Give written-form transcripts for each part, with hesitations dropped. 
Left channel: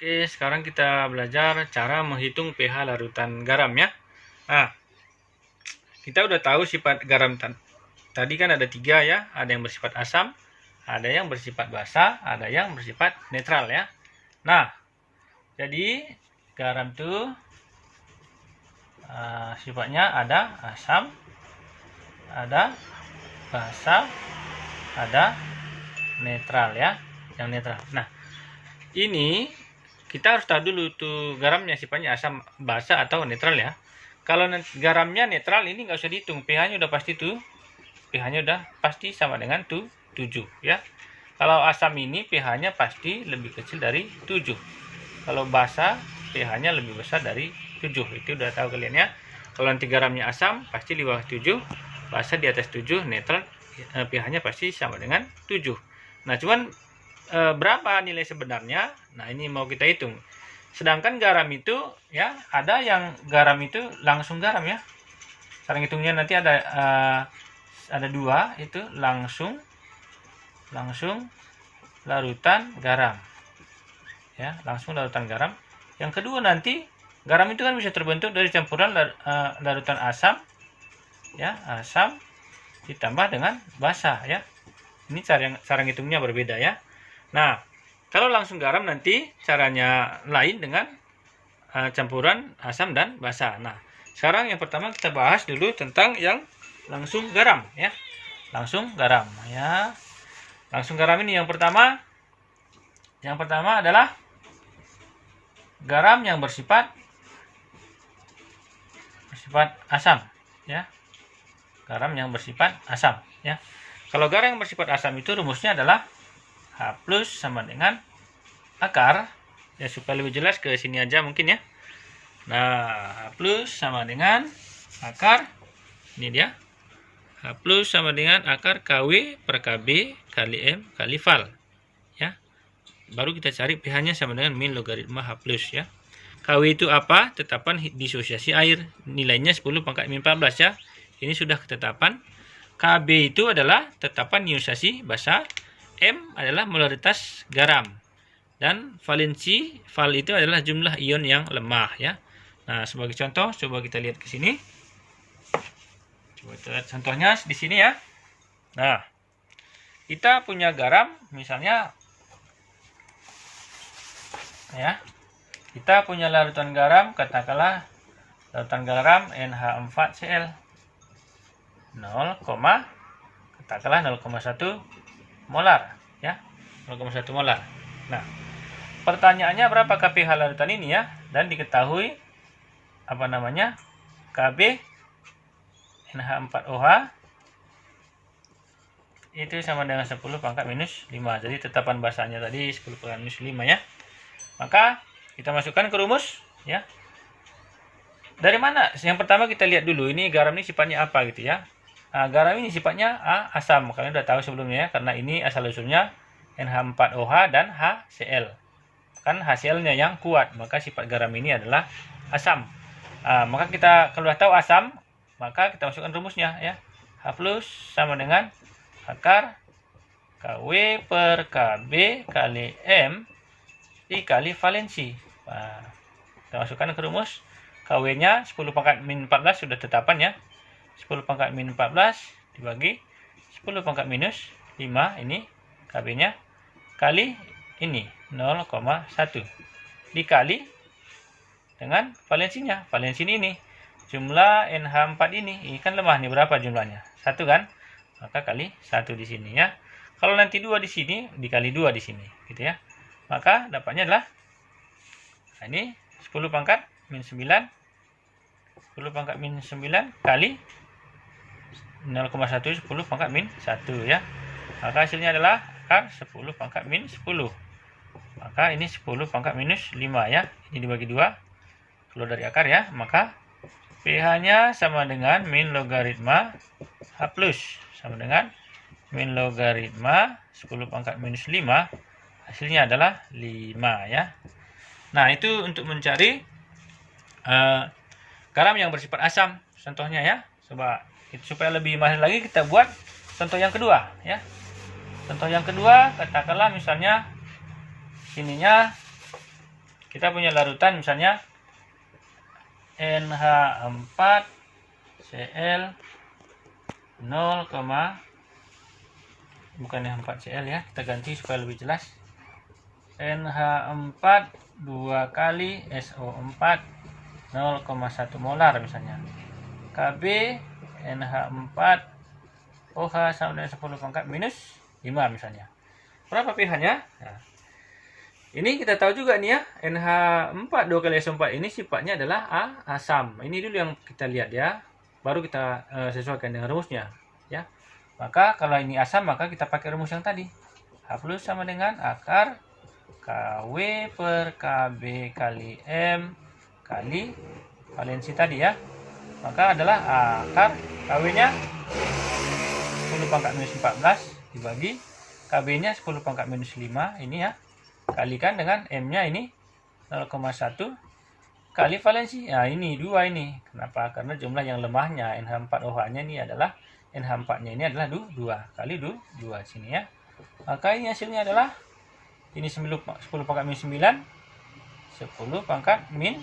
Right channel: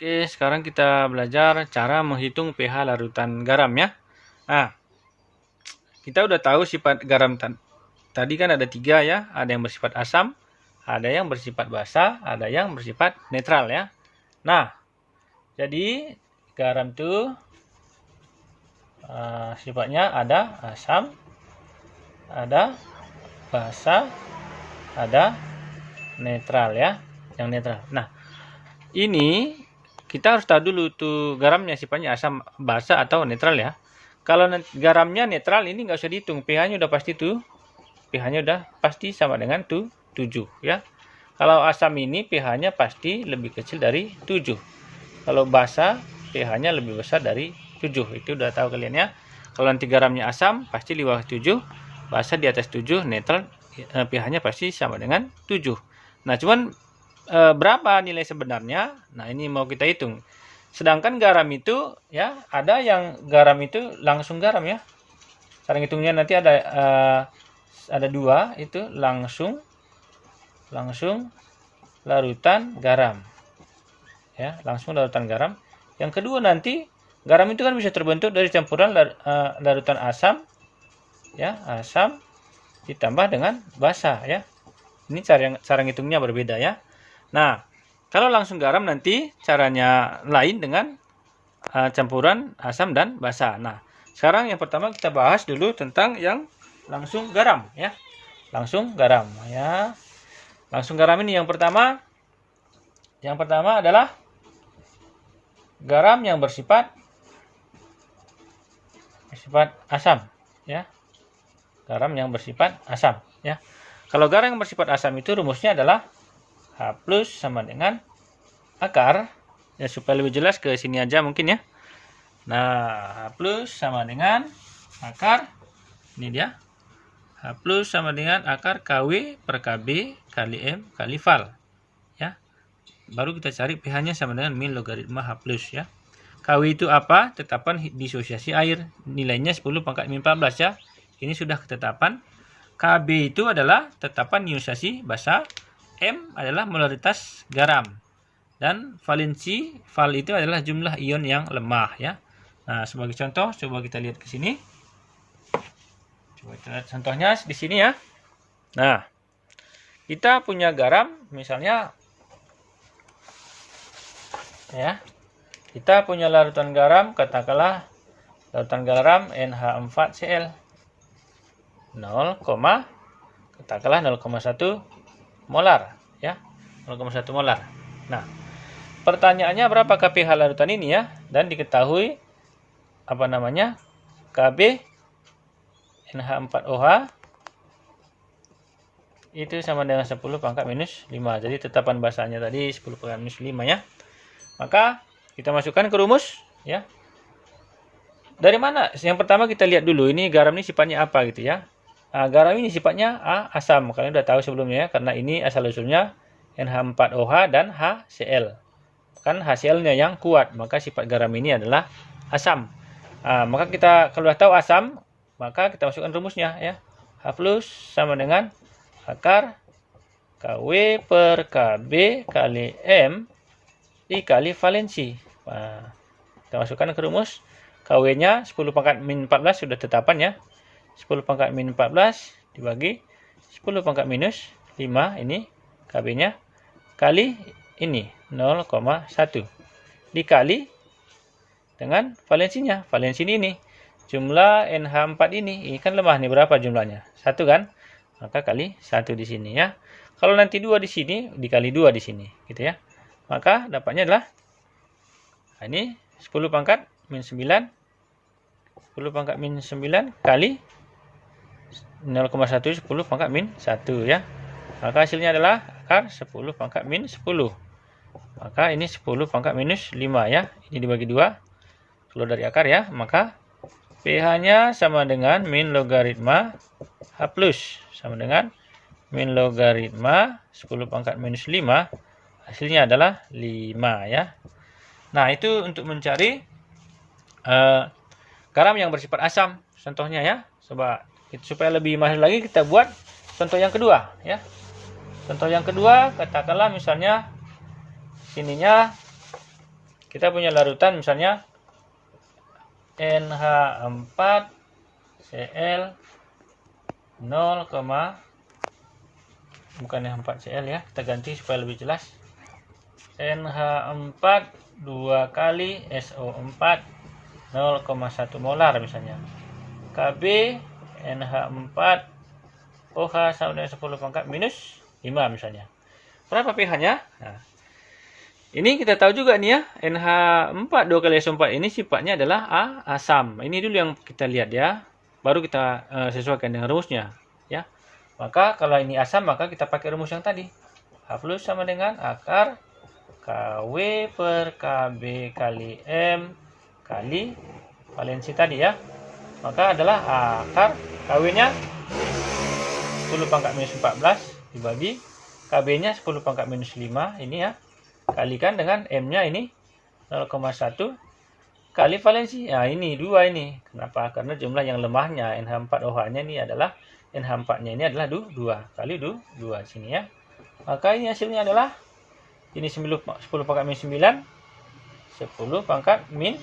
Oke, sekarang kita belajar cara menghitung pH larutan garam ya. Nah, kita udah tahu sifat garam tadi kan ada 3 ya. Ada yang bersifat asam, ada yang bersifat basa, ada yang bersifat netral ya. Nah, jadi garam itu sifatnya ada asam, ada basa, ada netral ya. Yang netral. Nah, ini kita harus tahu dulu tuh garamnya sifatnya asam, basa atau netral ya. Kalau garamnya netral ini nggak usah dihitung, pH-nya udah pasti tuh, pH-nya udah pasti sama dengan 7 ya. Kalau asam ini pH-nya pasti lebih kecil dari 7. Kalau basa pH-nya lebih besar dari 7. Itu udah tahu kalian ya. Kalau nanti garamnya asam pasti di bawah 7, basa di atas 7, netral pH-nya pasti sama dengan 7. Nah, cuman berapa nilai sebenarnya? Nah, ini mau kita hitung. Sedangkan garam itu ya, ada yang garam itu langsung garam ya. Cara hitungnya nanti ada 2 itu langsung larutan garam. Ya, langsung larutan garam. Yang kedua nanti garam itu kan bisa terbentuk dari campuran larutan asam ya, asam ditambah dengan basa ya. Ini cara ngitungnya berbeda ya. Nah, kalau langsung garam nanti caranya lain dengan campuran asam dan basa. Nah, sekarang yang pertama kita bahas dulu tentang yang langsung garam ya. Langsung garam ya. Langsung garam ini yang pertama adalah garam yang bersifat asam ya. Garam yang bersifat asam ya. Kalau garam yang bersifat asam itu rumusnya adalah H plus sama dengan akar ya, supaya lebih jelas ke sini aja mungkin ya. Nah, H plus sama dengan akar, ini dia, H plus sama dengan akar KW per KB kali M kali val ya. Baru kita cari pH-nya sama dengan min logaritma H plus ya. KW itu apa? Tetapan disosiasi air, nilainya 10 pangkat min 14 ya. Ini sudah ketetapan. KB itu adalah tetapan ionisasi basa, M adalah molaritas garam, dan valensi val itu adalah jumlah ion yang lemah ya. Nah, sebagai contoh coba kita lihat ke sini. Coba kita lihat contohnya di sini ya. Nah, kita punya garam misalnya ya. Kita punya larutan garam, katakanlah larutan garam NH4Cl 0,1 molar ya, 0,1 molar. Nah, pertanyaannya berapakah pH larutan ini ya, dan diketahui apa namanya KB NH4OH itu sama dengan 10 pangkat minus 5. Jadi tetapan basanya tadi 10 pangkat minus 5 ya. Maka kita masukkan ke rumus ya. Dari mana? Yang pertama kita lihat dulu ini garam ini sifatnya apa gitu ya. Nah, garam ini sifatnya asam. Kalian udah tahu sebelumnya ya, karena ini asal usulnya NH4OH dan HCl. Kan HCl-nya yang kuat, maka sifat garam ini adalah asam. Maka kita kalau sudah tahu asam, maka kita masukkan rumusnya ya. H plus sama dengan akar KW per KB kali M dikali valensi. Nah, kita masukkan ke rumus. KW-nya 10 pangkat min 14 sudah tetapan ya. 10 pangkat min 14 dibagi 10 pangkat minus 5, ini KB-nya, kali ini 0,1 dikali dengan valensinya. Valensi ini jumlah NH4 ini kan lemah nih, berapa jumlahnya? 1 kan? Maka kali 1 di sini ya. Kalau nanti 2 di sini dikali 2 di sini gitu ya. Maka dapatnya adalah ini 10 pangkat min 9, 10 pangkat min 9 kali 0,1 10 pangkat min 1 ya. Maka hasilnya adalah akar 10 pangkat min 10. Maka ini 10 pangkat minus 5 ya. Ini dibagi 2 keluar dari akar ya. Maka pH-nya sama dengan min logaritma H plus sama dengan min logaritma 10 pangkat minus 5. Hasilnya adalah 5 ya. Nah, itu untuk mencari garam yang bersifat asam. Contohnya ya. Coba supaya lebih mahir lagi kita buat contoh yang kedua ya. Contoh yang kedua, katakanlah misalnya sininya kita punya larutan misalnya NH4 Cl 0, bukan NH4Cl ya, kita ganti supaya lebih jelas. NH4 2 kali SO4 0,1 molar misalnya. Kb NH4 OH sama dengan 10 pangkat minus 5 misalnya. Berapa pH-nya? Nah, ini kita tahu juga nih ya, NH4 2 kali SO4 ini sifatnya adalah asam. Ini dulu yang kita lihat ya, baru kita sesuaikan dengan rumusnya ya. Maka kalau ini asam maka kita pakai rumus yang tadi. H plus sama dengan akar KW per KB kali M kali valensi tadi ya. Maka adalah akar KW-nya 10 pangkat minus 14 dibagi KB-nya 10 pangkat minus 5 ini ya. Kalikan dengan M-nya ini 0,1 kali valensi. Nah, ini 2 ini. Kenapa? Karena jumlah yang lemahnya NH4OH-nya ini adalah NH4-nya ini adalah 2 kali 2 sini ya. Maka ini hasilnya adalah ini 10 pangkat min 9 10 pangkat min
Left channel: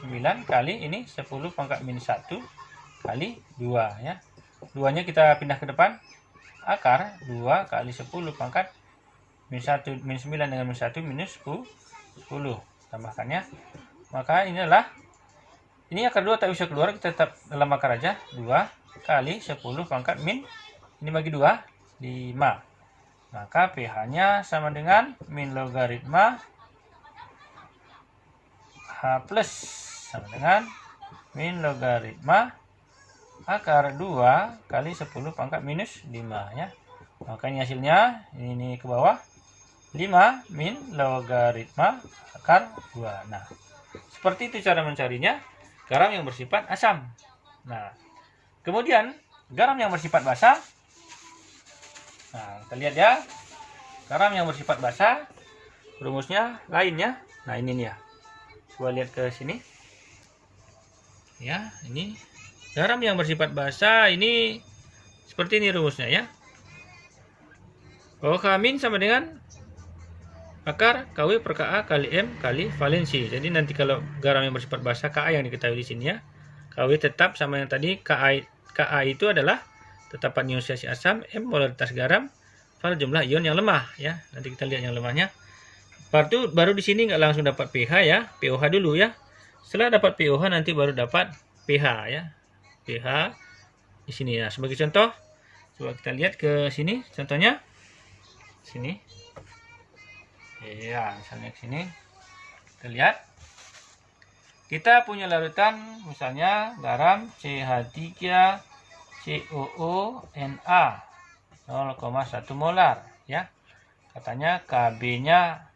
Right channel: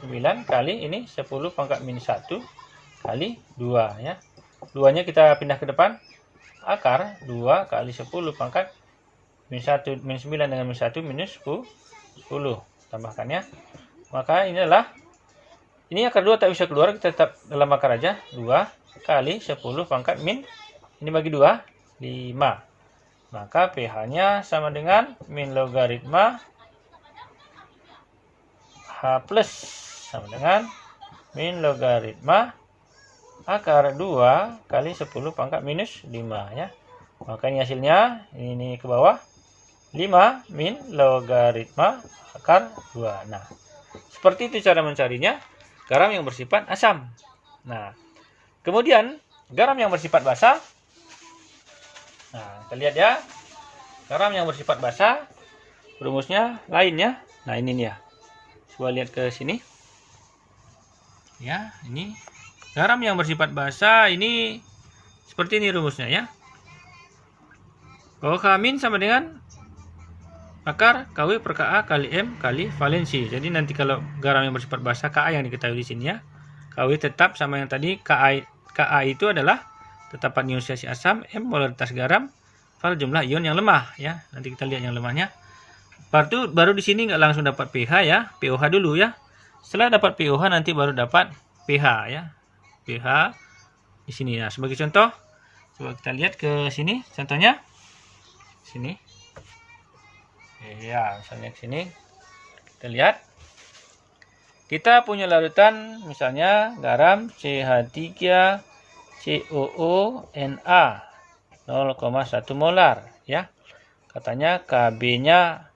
9 kali ini 10 pangkat min 1 kali 2 ya. 2-nya kita pindah ke depan. Akar 2 kali 10 pangkat min 1 min 9 dengan min 1 minus 10 tambahkan ya. Maka ini adalah ini akar 2 tak bisa keluar, kita tetap dalam akar aja. 2 kali 10 pangkat min ini bagi 2 5. Maka pH-nya sama dengan min logaritma H plus sama dengan min logaritma akar 2 kali 10 pangkat minus 5 ya. Maka ini hasilnya ini ke bawah 5 min logaritma akar 2. Nah, seperti itu cara mencarinya garam yang bersifat asam. Nah, kemudian garam yang bersifat basa. Nah, kita lihat ya. Garam yang bersifat basa rumusnya lain ya. Nah, ini nih ya. Coba lihat ke sini. Ya, ini garam yang bersifat basa ini seperti ini rumusnya ya. OH min sama dengan akar KW per Ka kali M kali valensi. Jadi nanti kalau garam yang bersifat basa Ka yang diketahui di sini ya. KW tetap sama yang tadi. Ka itu adalah tetapan ionisasi asam, M molaritas garam, val jumlah ion yang lemah ya. Nanti kita lihat yang lemahnya. Baru di sini nggak langsung dapat pH ya, pOH dulu ya. Setelah dapat pOH nanti baru dapat pH ya. pH di sini ya. Sebagai contoh, coba kita lihat ke sini contohnya. Sini. Ya, misalnya ke sini. Kita lihat. Kita punya larutan misalnya garam CH3 COO-Na 0,1 molar ya. Katanya Kb-nya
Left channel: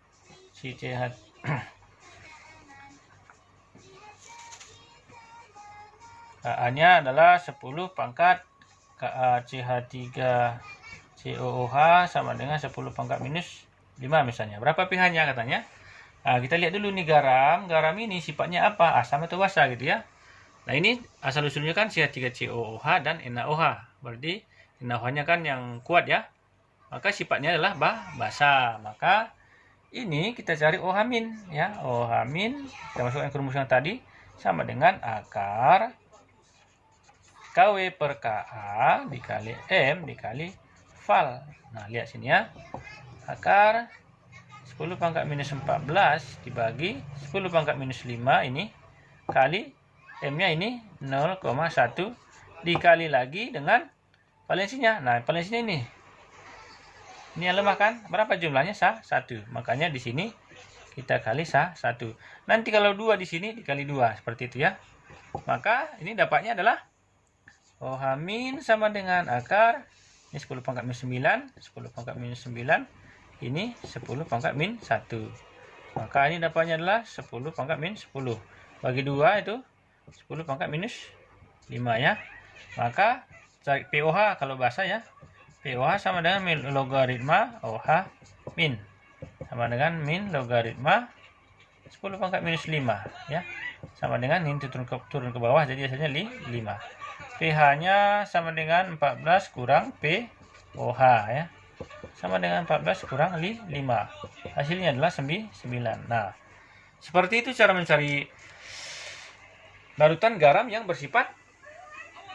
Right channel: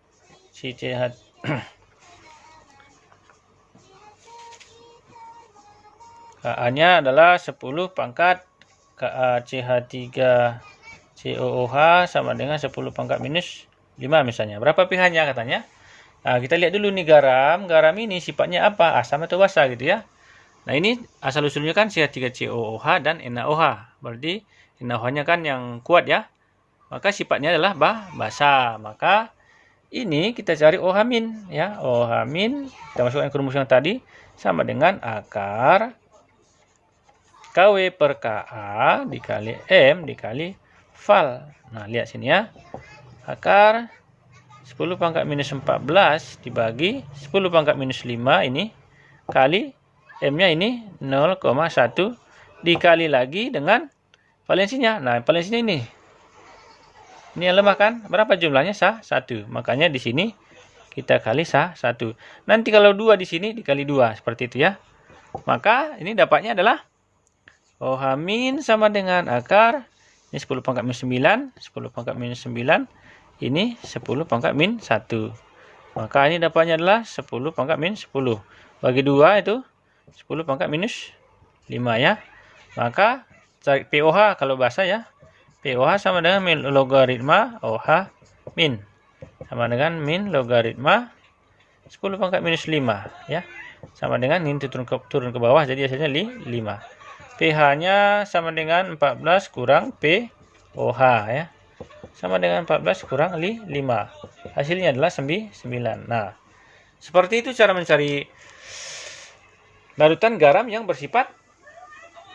si CH Ka-nya adalah 10 pangkat KaCH3COOH sama dengan 10 pangkat minus 5 misalnya. Berapa pH-nya katanya? Nah, kita lihat dulu nih garam. Garam ini sifatnya apa? Asam atau basa gitu ya. Nah, ini asal-usulnya kan CH3COOH dan NaOH. Berarti NaOH-nya kan yang kuat ya. Maka sifatnya adalah basa. Maka ini kita cari OH- ya. OH- kita masukkan ke rumus yang tadi sama dengan akar KW per Ka dikali M dikali val. Nah, lihat sini ya. Akar 10 pangkat minus 14 dibagi 10 pangkat minus 5 ini kali M-nya ini 0,1 dikali lagi dengan valensinya. Nah, valensinya ini. Ini yang lemah kan? Berapa jumlahnya? 1. Makanya di sini kita kali 1. Nanti kalau 2 di sini dikali 2 seperti itu ya. Maka ini dapatnya adalah OH- sama dengan akar ini 10 pangkat minus 9, 10 pangkat minus 9, ini 10 pangkat min 1. Maka ini dapatnya adalah 10 pangkat min 10. Bagi 2 itu 10 pangkat minus 5 ya. Maka cari pOH kalau basa ya. pOH sama dengan min logaritma OH min. Sama dengan min logaritma 10 pangkat minus 5 ya. Sama dengan ini turun ke bawah jadi hasilnya 5. pH-nya sama dengan 14 kurang pOH ya. Sama dengan 14 kurang 5. Hasilnya adalah 9. Nah, Seperti itu cara mencari larutan garam yang bersifat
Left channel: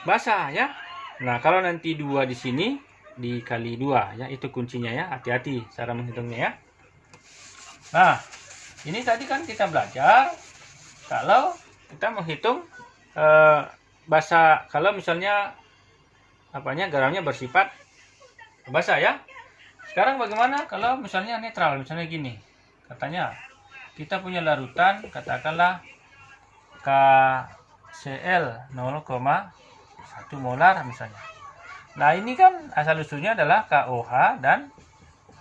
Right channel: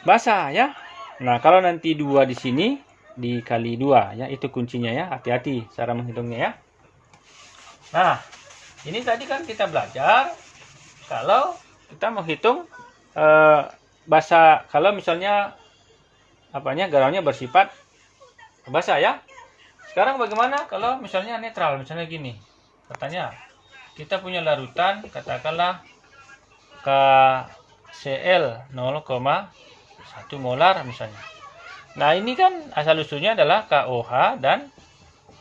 basah ya. Nah, kalau nanti 2 di sini dikali 2 ya, itu kuncinya ya. Hati-hati cara menghitungnya ya. Nah, ini tadi kan kita belajar kalau kita menghitung basah, kalau misalnya garamnya bersifat basah ya. Sekarang bagaimana kalau misalnya netral, misalnya gini. Katanya kita punya larutan katakanlah KCl 0,1 molar misalnya. Nah, ini kan asal usulnya adalah KOH dan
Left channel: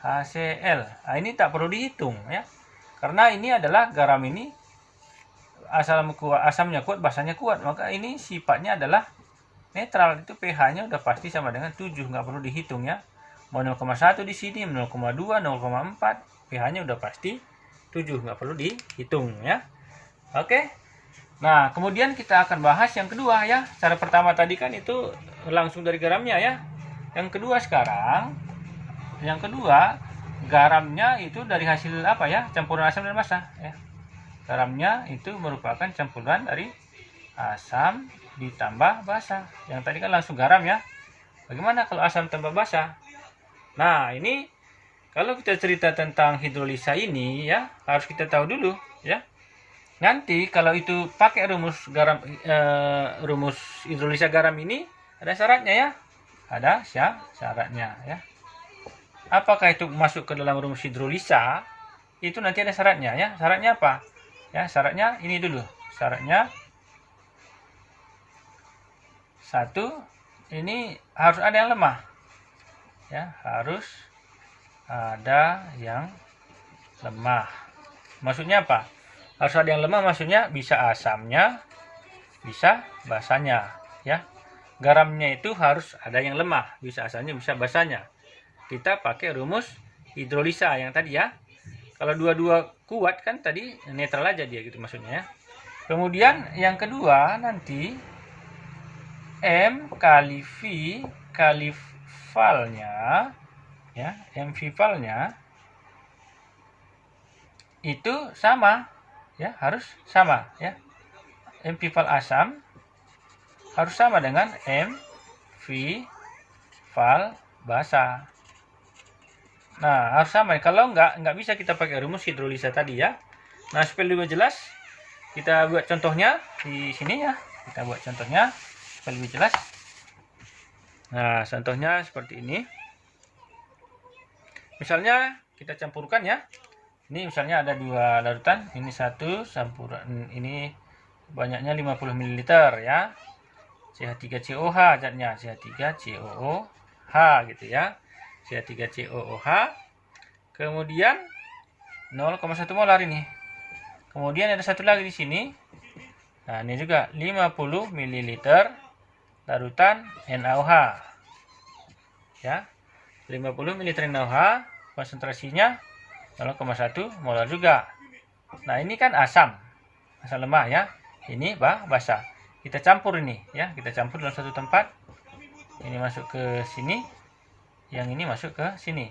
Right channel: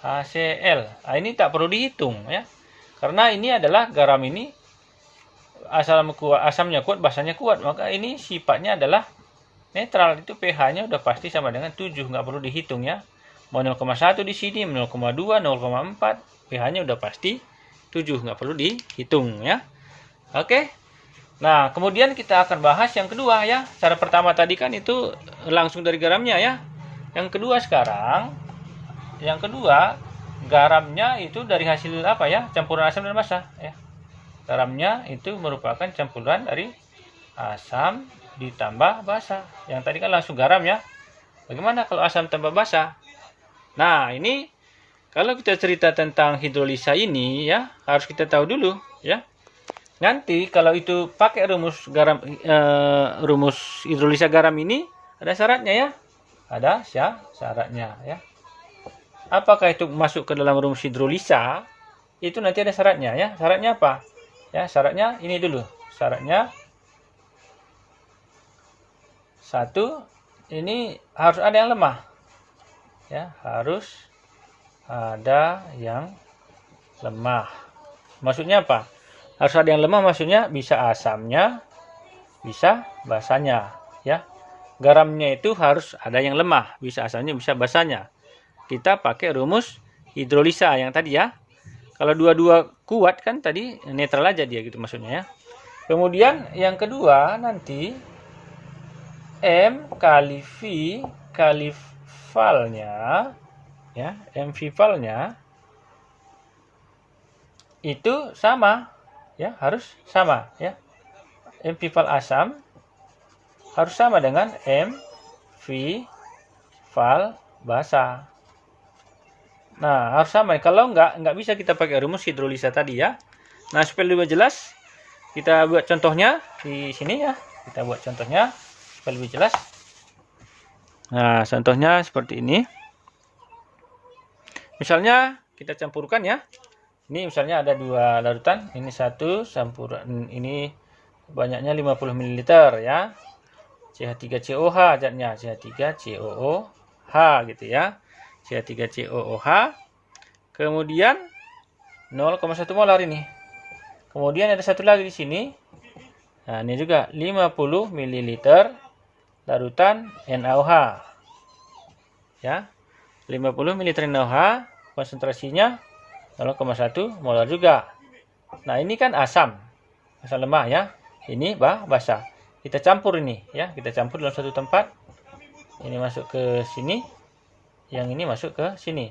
HCl. Nah, ini tak perlu dihitung ya. Karena ini adalah garam ini asamnya kuat, basahnya kuat, maka ini sifatnya adalah netral. Itu pH-nya udah pasti sama dengan 7, nggak perlu dihitung ya. Mau 0,1 di sini, 0,2, 0,4, pH-nya udah pasti 7, nggak perlu dihitung ya. Oke. Nah, kemudian kita akan bahas yang kedua ya. Cara pertama tadi kan itu langsung dari garamnya ya. Yang kedua sekarang, garamnya itu dari hasil apa ya? Campuran asam dan basa ya. Garamnya itu merupakan campuran dari asam ditambah basa. Yang tadi kan langsung garam ya. Bagaimana kalau asam tambah basa? Nah, ini kalau kita cerita tentang hidrolisa ini ya, harus kita tahu dulu ya. Nanti kalau itu pakai rumus hidrolisa garam ini ada syaratnya ya. Ada syaratnya ya. Apakah itu masuk ke dalam rumus hidrolisa? Itu nanti ada syaratnya ya. Syaratnya apa? Ya, syaratnya ini dulu. Syaratnya satu, ini harus ada yang lemah. Ya, harus ada yang lemah. Maksudnya apa? Harus ada yang lemah, maksudnya bisa asamnya, bisa basanya, ya. Garamnya itu harus ada yang lemah, bisa asamnya, bisa basanya. Kita pakai rumus hidrolisa yang tadi ya. Kalau dua-dua kuat kan tadi netral aja dia gitu maksudnya ya. Kemudian yang kedua nanti M kali V kali valnya ya, M V valnya itu sama ya, harus sama ya. M V val asam harus sama dengan M V val basa. Nah, harus sama. Kalau nggak bisa kita pakai rumus hidrolisa tadi ya. Nah, supaya lebih jelas, kita buat contohnya di sini ya. Kita buat contohnya supaya lebih jelas. Nah, contohnya seperti ini. Misalnya kita campurkan ya. Ini misalnya ada 2 larutan. Ini satu campuran, ini banyaknya 50 ml ya. CH3COH zatnya, CH3COOH gitu ya. CH3COOH. Kemudian 0,1 molar ini. Kemudian ada satu lagi di sini. Nah, ini juga 50 ml larutan NaOH. Ya. 50 ml NaOH, konsentrasinya 0,1 molar juga. Nah, ini kan asam lemah ya. Ini basa. Kita campur ini ya, kita campur dalam satu tempat. Ini masuk ke sini, yang ini masuk ke sini.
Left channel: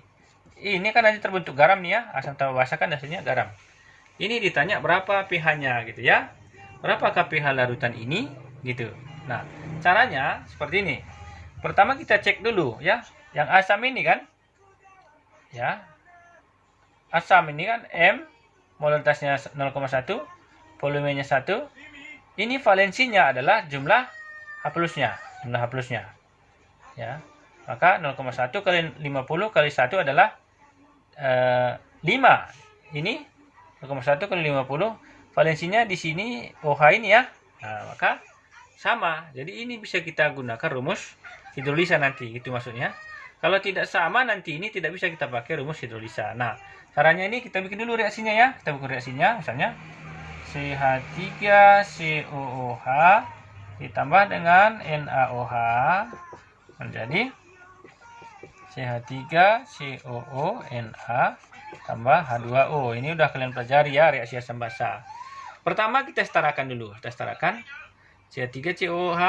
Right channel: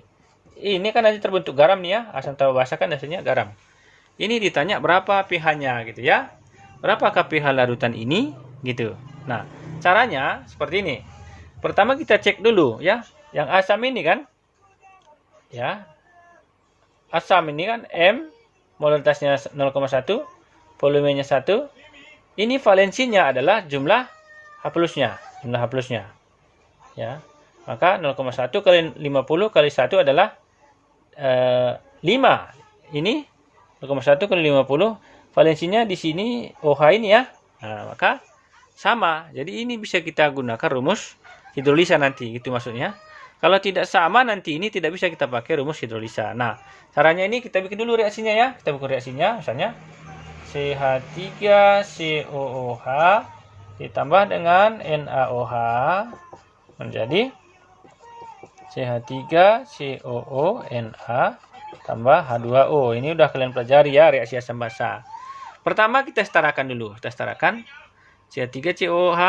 Ini kan nanti terbentuk garam nih ya, asam tambah basa kan hasilnya garam. Ini ditanya berapa pH-nya gitu ya. Berapakah pH larutan ini gitu. Nah, caranya seperti ini. Pertama kita cek dulu ya, yang asam ini kan ya. Asam ini kan M, molaritasnya 0,1, volumenya 1. Ini valensinya adalah jumlah H+-nya, ya. Maka 0,1 kali 50 kali 1 adalah 5. Ini 0,1 kali 50, valensinya di sini OH ini ya. Nah, maka sama. Jadi ini bisa kita gunakan rumus hidrolisa nanti, gitu maksudnya. Kalau tidak sama nanti ini tidak bisa kita pakai rumus hidrolisa. Nah, caranya ini kita bikin dulu reaksinya ya. Kita bikin reaksinya, misalnya CH3COOH ditambah dengan NaOH menjadi CH3COONa tambah H2O. Ini udah kalian pelajari ya, reaksi asam basa. Pertama kita setarakan dulu. Kita setarakan CH3COOH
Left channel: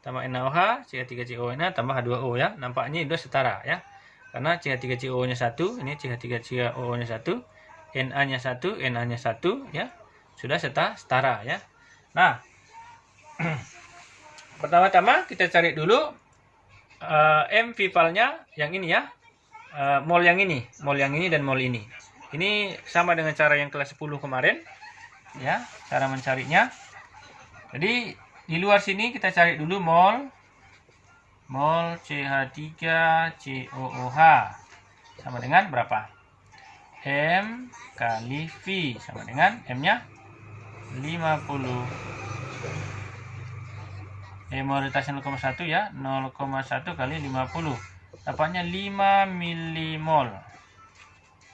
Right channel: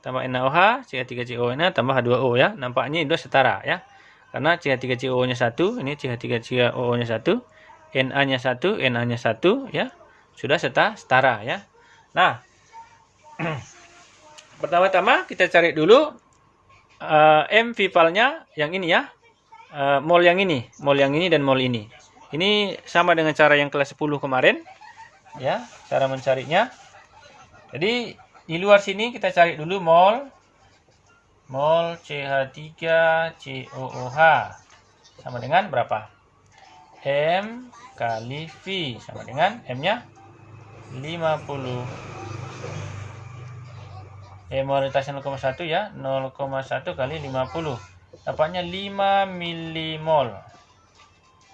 tambah NaOH, CH3COONa tambah H2O ya. Nampaknya itu setara ya. Karena CH3COO-nya 1, ini CH3COO-nya 1, Na-nya 1, Na-nya 1 ya. Sudah setara ya. Nah, pertama-tama kita cari dulu M Vivalnya yang ini ya. Mol yang ini dan mol ini. Ini sama dengan cara yang kelas 10 kemarin ya, cara mencarinya. Jadi di luar sini kita cari dulu mol CH3COOH sama dengan berapa? M kali V sama dengan M-nya 50. Molaritasnya 0,1 ya, 0,1 kali 50. Dapatnya 5 milimol.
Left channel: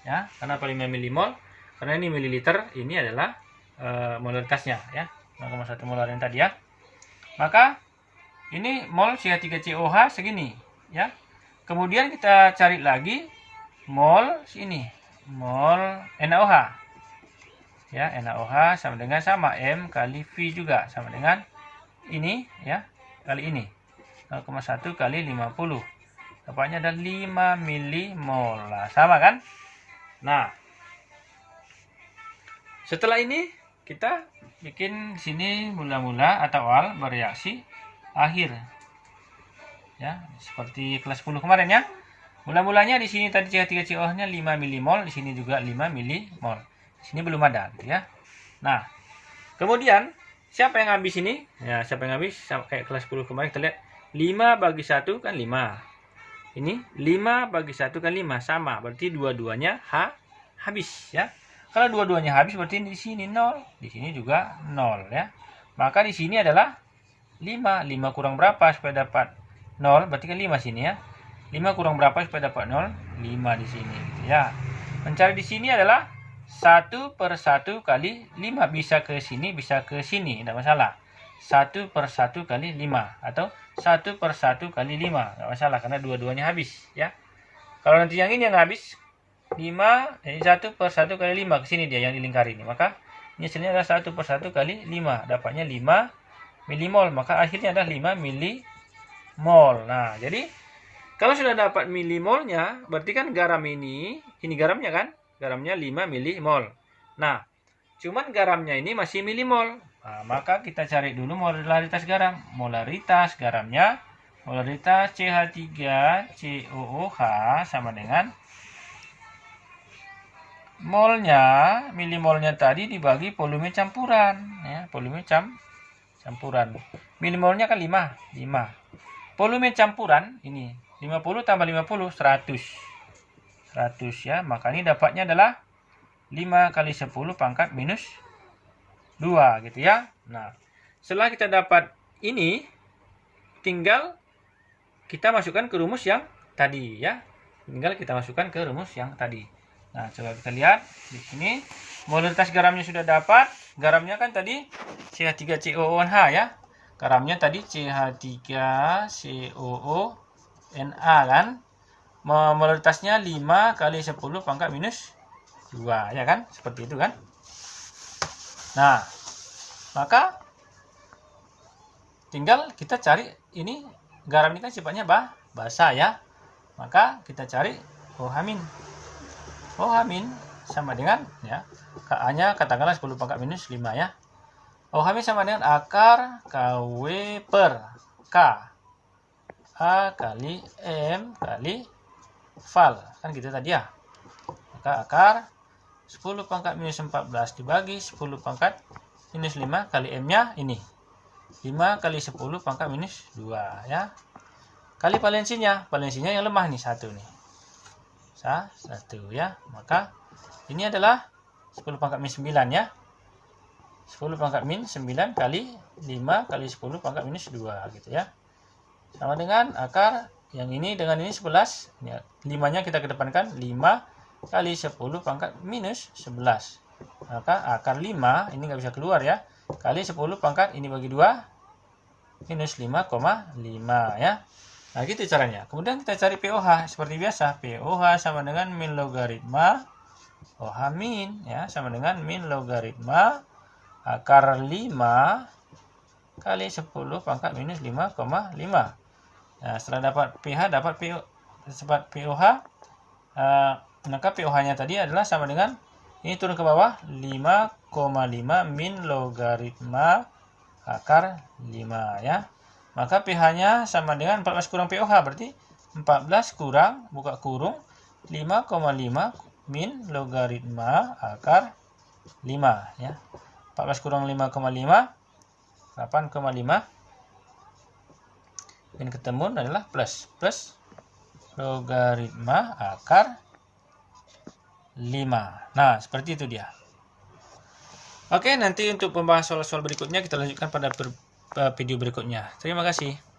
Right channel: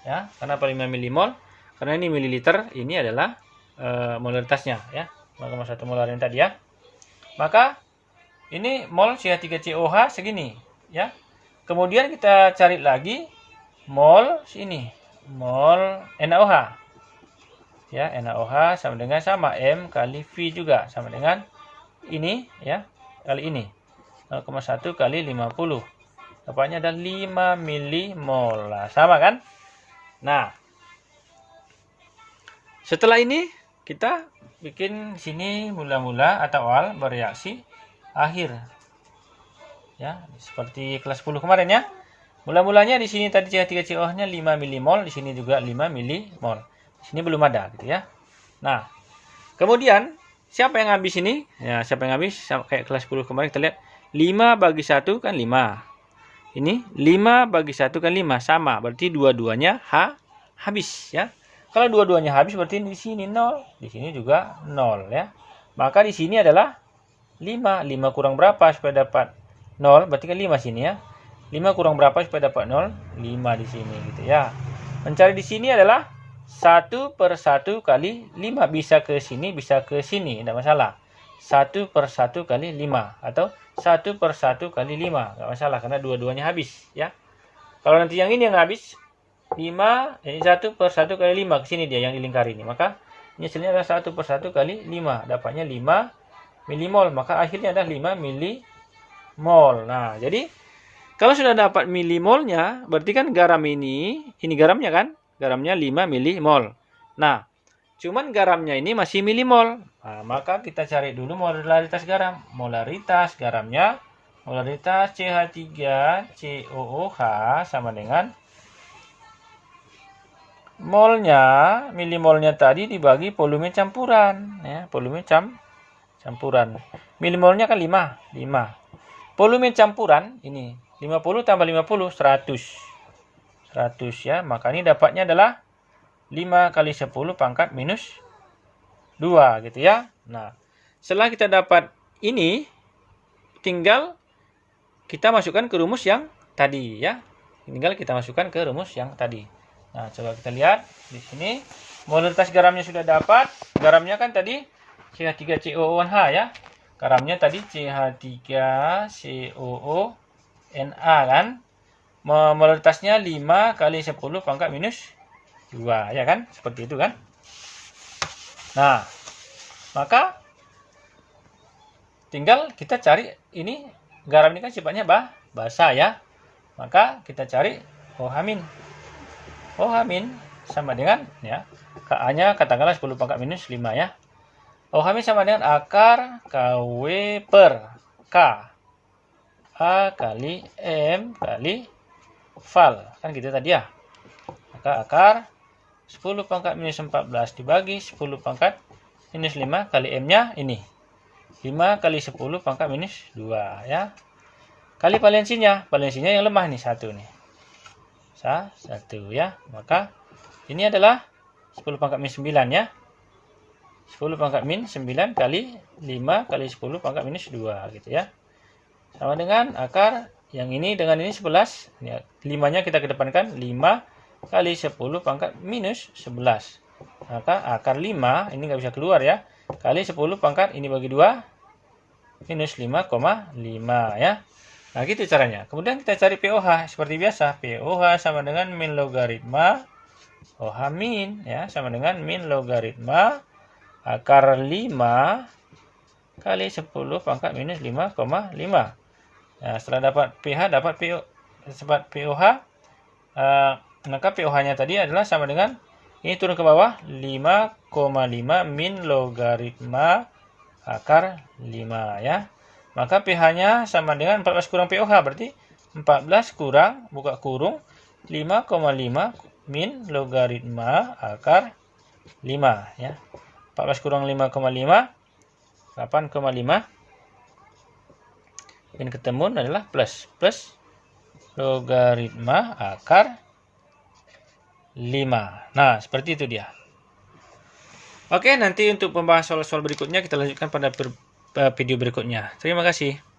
Ya, kenapa 5 milimol? Karena ini mililiter, ini adalah molaritasnya ya, 0,1 molar yang tadi ya. Maka ini mol CH3COH segini ya. Kemudian kita cari lagi mol sini, mol NaOH. Ya, NaOH sama M kali V juga sama dengan ini ya, kali ini 0,1 kali 50. Dapatnya ada 5 milimol. Nah, sama kan? Nah, setelah ini kita bikin sini mula-mula atau awal bereaksi akhir. Ya, seperti kelas 10 kemarin ya. Mula-mulanya di sini tadi CH3COH-nya 5 milimol, di sini juga 5 milimol. Di sini belum ada gitu ya. Nah, kemudian siapa yang habis ini? Ya, siapa yang habis? Kayak kelas 10 kemarin kita lihat 5 bagi 1 kan 5. Ini 5 bagi 1 kan 5 sama, berarti dua-duanya habis ya. Kalau dua-duanya habis berarti di sini 0, di sini juga 0 ya. Maka di sini adalah 5. 5 kurang berapa supaya dapat 0? Berarti kan 5 sini ya. 5 kurang berapa supaya dapat 0? 5 di sini gitu ya. Mencari di sini adalah 1 per 1 kali 5. Bisa ke sini, bisa ke sini, tidak masalah. 1 per 1 kali 5 atau 1 per 1 kali 5, tidak masalah karena dua-duanya habis ya. Kalau nanti yang ini yang habis 5, ini 1 per 1 kali 5, ke sini dia yang dilingkari ini. Maka ini hasilnya adalah 1 per 1 kali 5, dapatnya 5 milimol, maka akhirnya adalah 5 milimol. Nah, jadi kalau sudah dapat milimolnya, berarti kan garam ini garamnya kan? Garamnya 5 milimol. Nah, cuman garamnya ini masih milimol. Nah, maka kita cari dulu molaritas garam. Molaritas garamnya, molaritas CH3COOH sama dengan molnya, milimolnya tadi dibagi volume campuran. Ya, volume campuran. Milimolnya kan 5. Volume campuran ini 50 tambah 50, 100 ya. Maka ini dapatnya adalah 5 kali 10 pangkat minus 2 gitu ya. Nah, setelah kita dapat ini, tinggal kita masukkan ke rumus yang tadi ya. Tinggal kita masukkan ke rumus yang tadi. Nah, coba kita lihat di sini molaritas garamnya sudah dapat. Garamnya kan tadi CH3COOH ya. Garamnya tadi CH3COONA kan. Molaritasnya 5 kali 10 pangkat minus 2 ya kan? Seperti itu kan? Nah, maka tinggal kita cari ini, garam ini kan sifatnya basah ya. Maka kita cari OH-. OH- sama dengan ya, Ka-nya katakanlah 10 pangkat minus 5 ya. OH- sama dengan akar KW per K. A kali M kali Val. Kan gitu tadi ya. Maka akar 10 pangkat minus 14 dibagi 10 pangkat minus 5 kali M-nya ini. 5 kali 10 pangkat minus 2 ya. Kali valensinya. Valensinya yang lemah nih, 1 nih. 1 ya. Maka ini adalah 10 pangkat min 9 ya. 10 pangkat min 9 kali 5 kali 10 pangkat minus 2 gitu ya. Sama dengan akar yang ini dengan ini 11. Ini 5-nya kita kedepankan, 5 kali 10 pangkat minus 11. Maka akar 5 ini nggak bisa keluar ya. Kali 10 pangkat ini bagi 2 minus 5,5 ya. Nah, gitu caranya. Kemudian kita cari pOH seperti biasa. pOH sama dengan min logaritma OH min ya, sama dengan min logaritma akar 5 kali 10 pangkat minus 5,5. Nah, setelah dapat pH, dapat pOH, maka pOH-nya tadi adalah sama dengan Ini turun ke bawah, 5,5 min logaritma akar 5 ya. Maka pH-nya sama dengan 14 kurang pOH, berarti 14 kurang, buka kurung, 5,5 min logaritma akar 5 ya. 14 kurang 5,5, 8,5. Yang ketemu adalah plus logaritma akar 5. Nah, seperti itu dia. Oke, nanti untuk pembahasan soal-soal berikutnya kita lanjutkan pada video berikutnya. Terima kasih.